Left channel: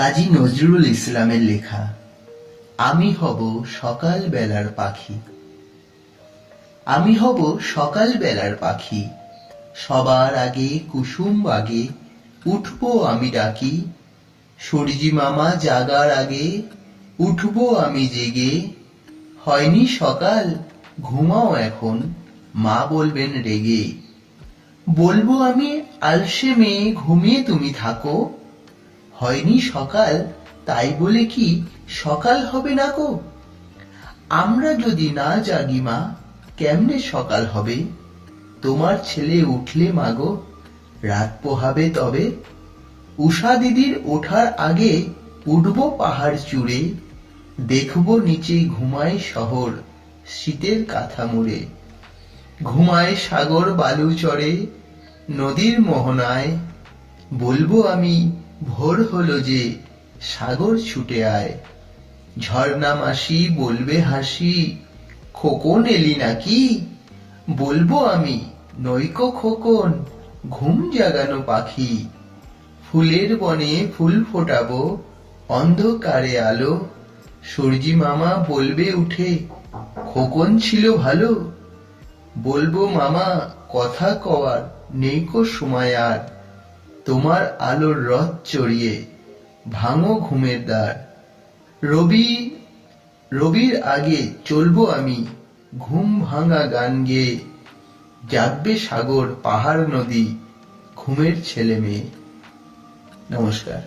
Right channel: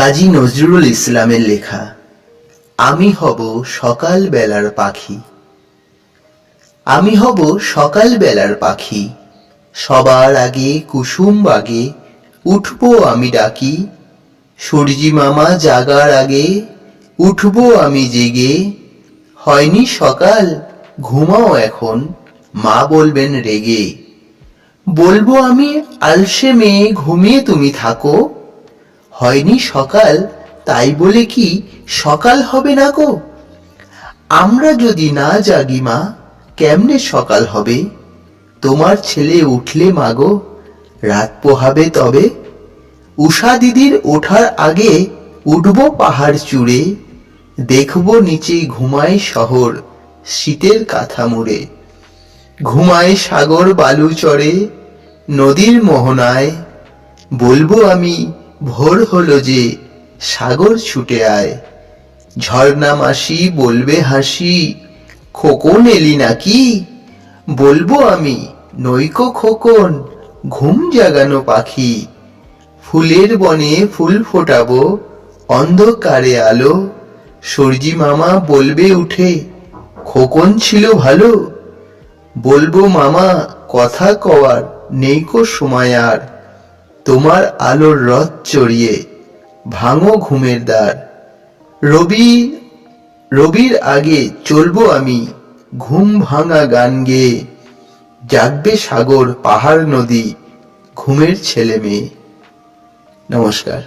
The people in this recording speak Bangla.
কাজী নজরুল ইসলামের লেখা, আমি হব সকাল বেলার পাখি। আমি হব সকাল বেলার পাখি। সবার আগে কুসুম বাগে উঠবো আমি ডাকি। সূর্যি মামা জাগার আগে উঠবো আমি জেগে। হয়নি সকাল, ঘুমাও এখন, মা বলবেন রেগে। বলব আমি আলসে মেয়ে ঘুমিয়ে তুমি থাকো। হয়নি সকাল, তাই বলে কি সকাল হবে না গো? আমরা যদি না জাগি মা, কেমনে সকাল হবে? তোমার ছেলে উঠলে মাগো রাত পোহাবে তবে? উষা দিদির ওঠার আগে উঠব পাহাড় চূড়ে, দেখব নিচে ঘুমায় শহর, শীতের কাঁথা মুড়ে ঘুমায় সাগর বালু চড়ে নদীর মোহনায়, বলব আমি ভোর হলো যে সাগর ছুটে আয়। ঝর্ণা মাসি বলবে হাসি, খোকন এলি নাকি? বলব আমি, নৈকো খোকন, ঘুম জাগানো পাখি। ফুলের বনে ফুল ফোটাবো, অন্ধকারে আলো। সূর্যি মামা বলবে উঠে, খোকন ছিল ভালো। বলব মামা, কথা কওয়ার নেইকো সময় আর। তোমার আলোর রথ চড়িয়ে, ভাঙো ঘুমের দ্বার। রবি, রবির আগে চলবো আমি, ঘুম ভাঙা গান গেয়ে। জাগবে সাগর পাহাড় নদী, ঘুমের ছেলে মেয়ে। নমস্কার।